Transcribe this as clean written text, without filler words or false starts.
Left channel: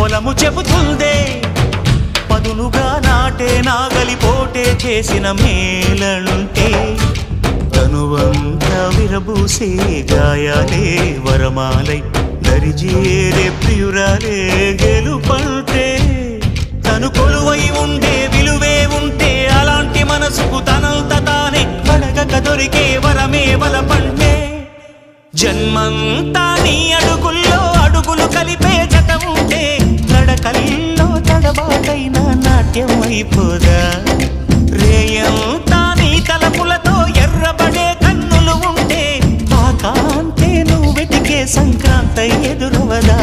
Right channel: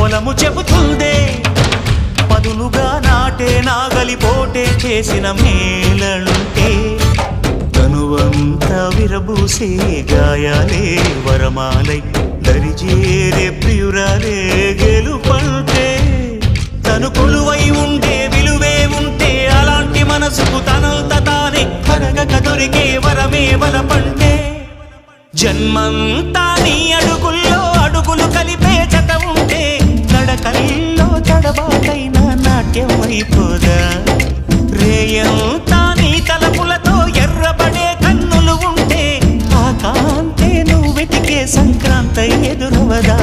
పొలము చెబుతుందే పదునుగా నాటే నాగలి పోటే చేసిన మేలంటే తనువంతా విరబూసే గాయాలే వరమాలై దరిజేరే ప్రియురాలే గెలుపంటే తను కొలువై ఉండే విలువే ఉంటే అలాంటి మనసుకు తనంత తానే అడగక దొరికే వరమే వలపంటే జన్మంతా నీ అడుగుల్లో అడుగులు కలిపే జత ఉంటే నడకల్లో తడబాటైన నాట్యం అయిపోదా రేయంతా నీ తలపులతో ఎర్రబడే కన్నులు ఉంటే ఆ కాంతే నువ్వు వెతికే సంక్రాంతి ఎదురవదా